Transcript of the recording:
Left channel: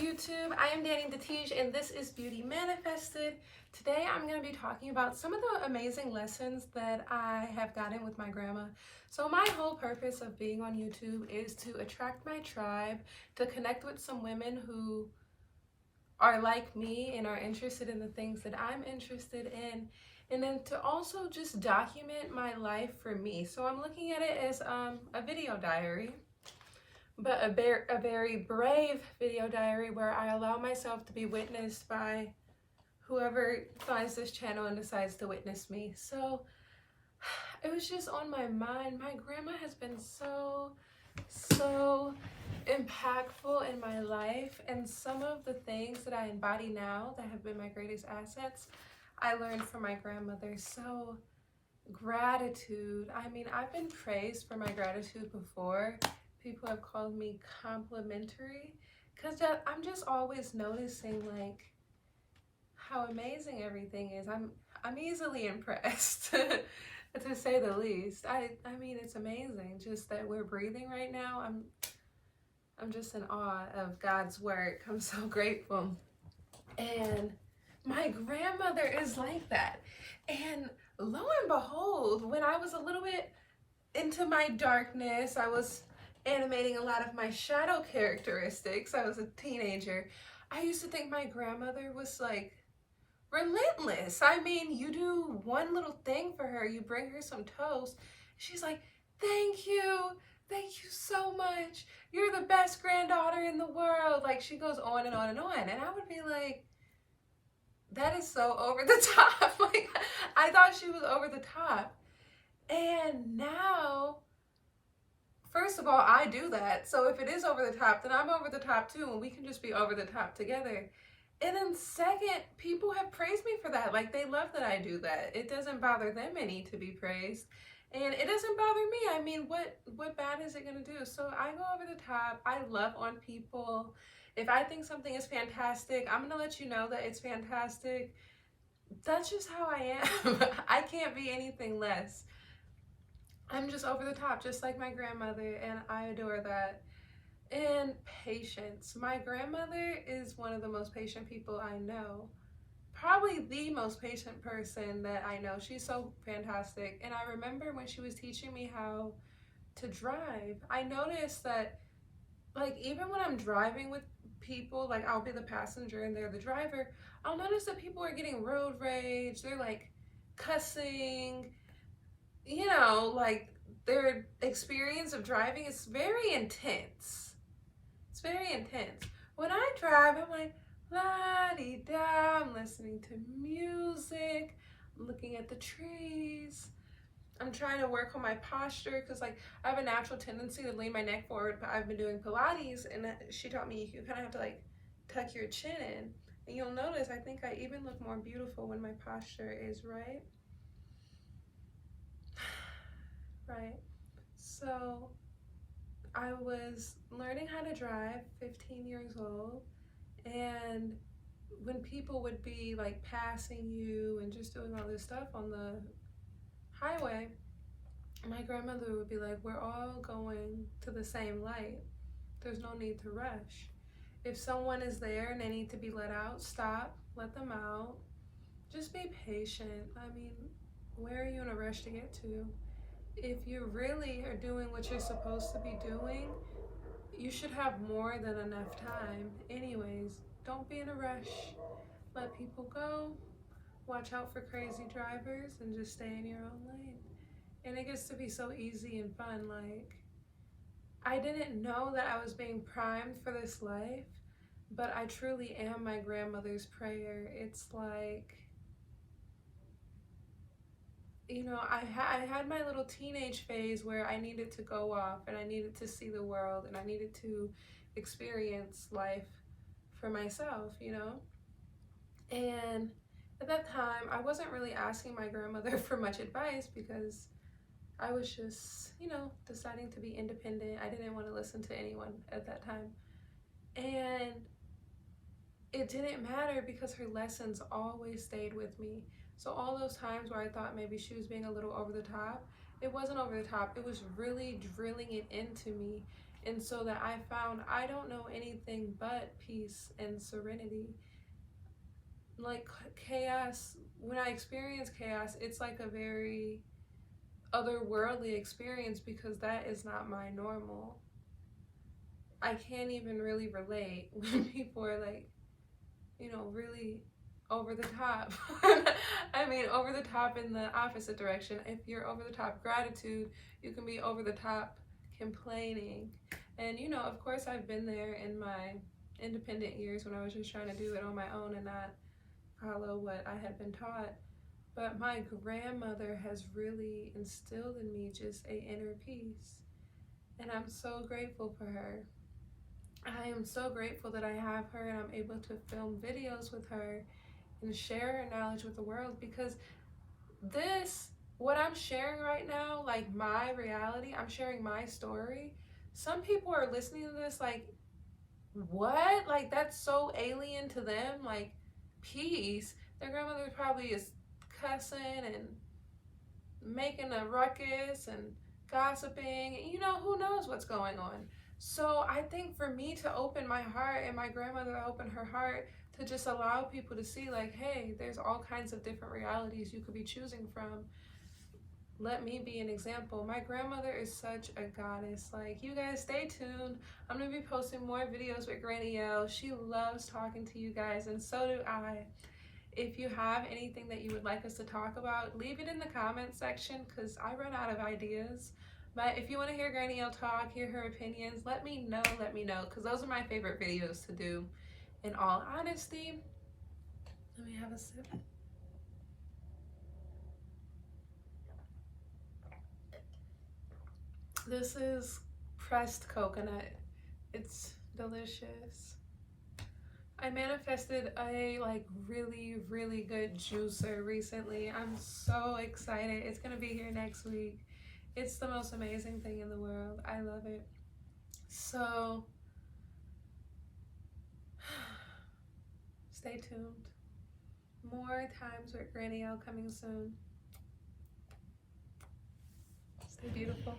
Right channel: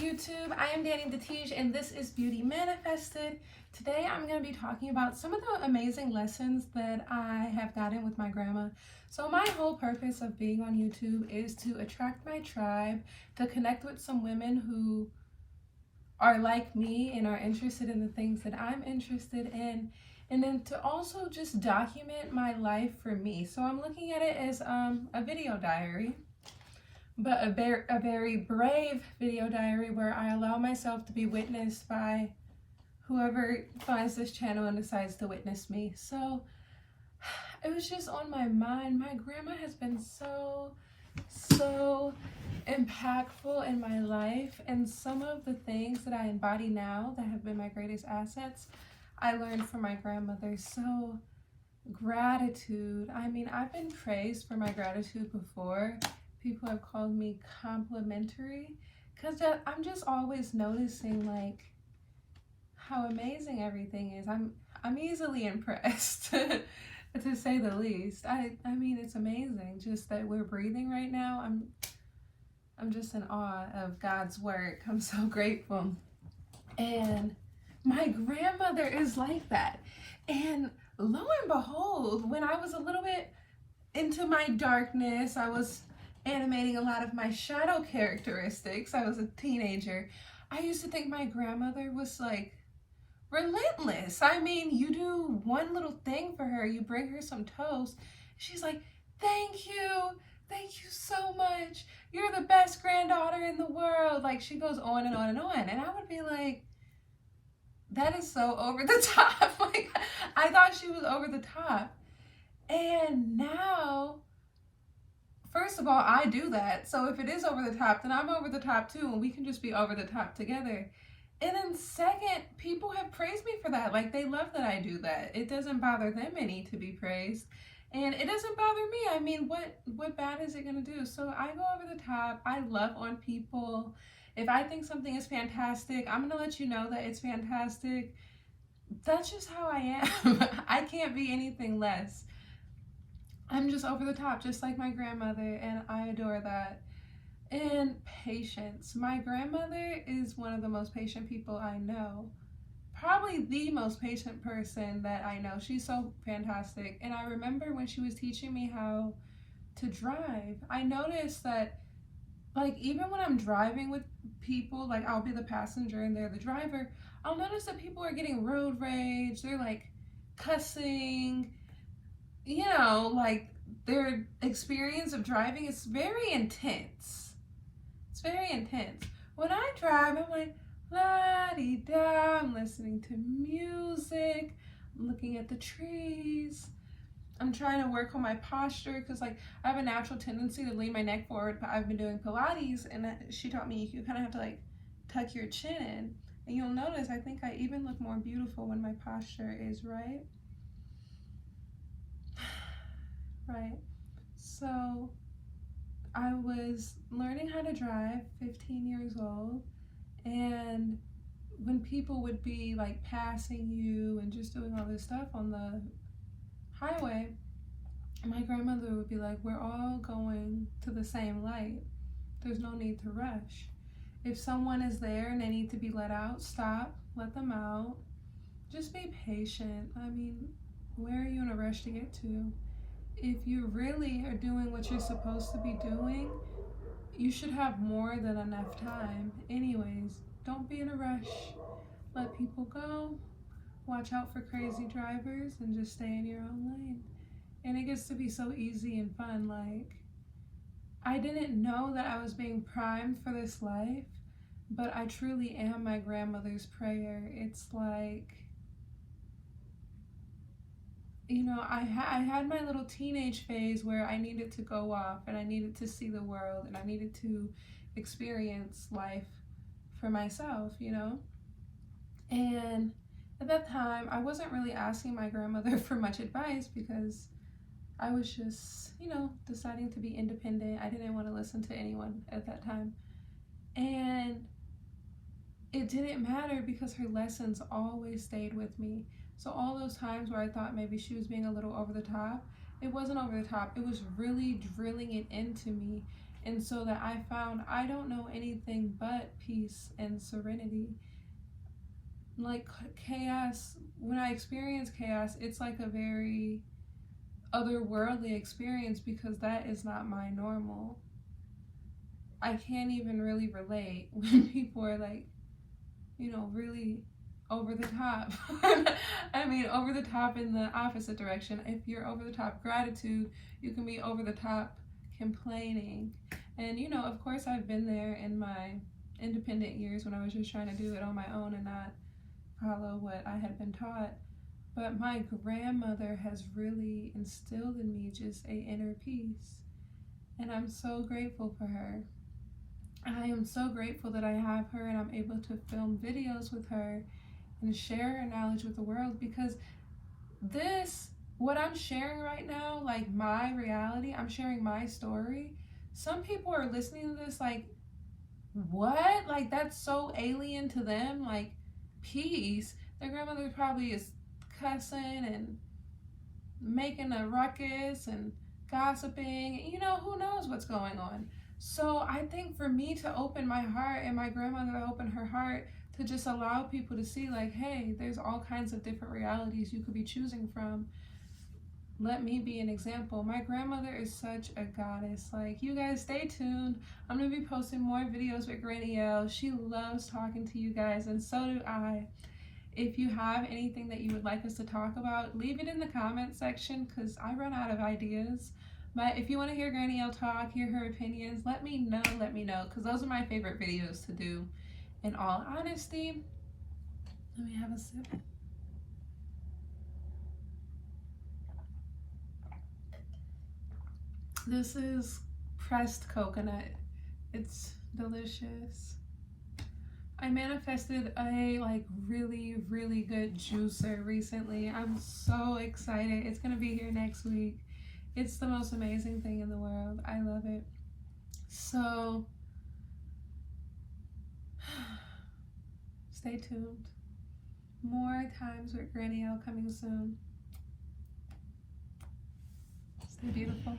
YouTube. I am Danny the Teej and this is Beauty Manifested. Today I'm going to be talking about some of the amazing lessons that I have gotten with my grandma. So my whole purpose of being on YouTube is to attract my tribe, to connect with some women who are like me and are interested in the things that I'm interested in, and then to also just document my life for me. So I'm looking at it as a video diary, but a very brave video diary where I allow myself to be witnessed by whoever finds this channel and decides to witness me. So it was just on my mind. My grandma has been so impactful in my life, and some of the things that I embody now that have been my greatest assets, I learned from my grandmother. So gratitude. I mean, I've been praised for my gratitude before. People have called me complimentary because I'm just always noticing like how amazing everything is. I'm easily impressed to say the least. I mean, it's amazing just that we're breathing right now. I'm just in awe of God's work. I'm so grateful. And my grandmother is like that. And lo and behold, when I was a little bit into my darkness, I was animating a lot of my shadow characteristics. I was a teenager. I used to think my grandmother was like relentless. I mean, you do one little thing for her, you bring her some toast, she's like, thank you so much. You're the best granddaughter in the world. Like, she goes on and on and on. And I would be like, that is so over the top. Like, I thought she was over the top. And now, first of all, I do that. So if it is over the top, then I'm over the top too, and we can just be over the top together. And then second, people have praised me for that. Like, they love that I do that. It doesn't bother them any to be praised. And it doesn't bother me. I mean, what bad is it gonna do? So I go over the top. I love on people. If I think something is fantastic, I'm gonna let you know that it's fantastic. That's just how I am. I can't be anything less. I'm just over the top, just like my grandmother, and I adore that. And patience. My grandmother is one of the most patient people I know. Probably the most patient person that I know. She's so fantastic. And I remember when she was teaching me how to drive, I noticed that, like, even when I'm driving with people, like, I'll be the passenger and they're the driver, I'll notice that people are getting road rage. They're like cussing, you know, like their experience of driving is very intense. It's very intense. When I drive, I'm like, la-dee-da, I'm listening to music, I'm looking at the trees, I'm trying to work on my posture because, like, I have a natural tendency to lean my neck forward, but I've been doing Pilates, and she taught me you kind of have to, like, tuck your chin in, and you'll notice I think I even look more beautiful when my posture is right. Right. So I was learning how to drive, 15 years old, and when people would be like passing you and just doing all this stuff on the highway, my grandmother would be like, we're all going to the same light. There's no need to rush. If someone is there and they need to be let out, stop, let them out. Just be patient. I mean, where are you in a rush to get to? If you really are doing what you're supposed to be doing, you should have more than enough time. Anyways, don't be in a rush. Let people go. Watch out for crazy drivers and just stay in your own lane. And it gets to be so easy and fun. Like, I didn't know that I was being primed for this life, but I truly am my grandmother's prayer. It's like, you know, I had my little teenage phase where I needed to go off and I needed to see the world and I needed to experience life for myself, you know? And at that time, I wasn't really asking my grandmother for much advice because I was just, you know, deciding to be independent. I didn't want to listen to anyone at that time. And it didn't matter because her lessons always stayed with me. So all those times where I thought maybe she was being a little over the top, it wasn't over the top. It was really drilling it into me. And so that I found I don't know anything but peace and serenity. Like chaos, when I experience chaos, it's like a very otherworldly experience because that is not my normal. I can't even really relate when people are like, really over the top. I mean, over the top in the opposite direction. If you're over the top gratitude, you can be over the top complaining. And, of course, I've been there in my independent years when I was just trying to do it on my own and not follow what I had been taught. But my grandmother has really instilled in me just a inner peace. And I'm so grateful for her. I am so grateful that I have her and I'm able to film videos with her and share her knowledge with the world, because what I'm sharing right now, like my reality, I'm sharing my story. Some people are listening to this like, what? Like, that's so alien to them. Like, peace. Their grandmother probably is cussing and making a ruckus and gossiping. Who knows what's going on. So I think for me to open my heart and my grandmother to open her heart to just allow people to see, like, hey, there's all kinds of different realities you could be choosing from. Let me be an example. My grandmother is such a goddess. Like, you guys stay tuned. I'm going to be posting more videos with Granny L. She loves talking to you guys, and so do I. If you have anything that you would like us to talk about, leave it in the comment section because I run out of ideas. But if you want to hear Granny L talk, hear her opinions, let me know, because those are my favorite videos to do. In all honesty, let me have a sip. This is pressed coconut. It's delicious. I manifested a really, really good juicer recently. I'm so excited. It's gonna be here next week. It's the most amazing thing in the world. I love it. So stay tuned. More times with Granny L coming soon. Stay beautiful.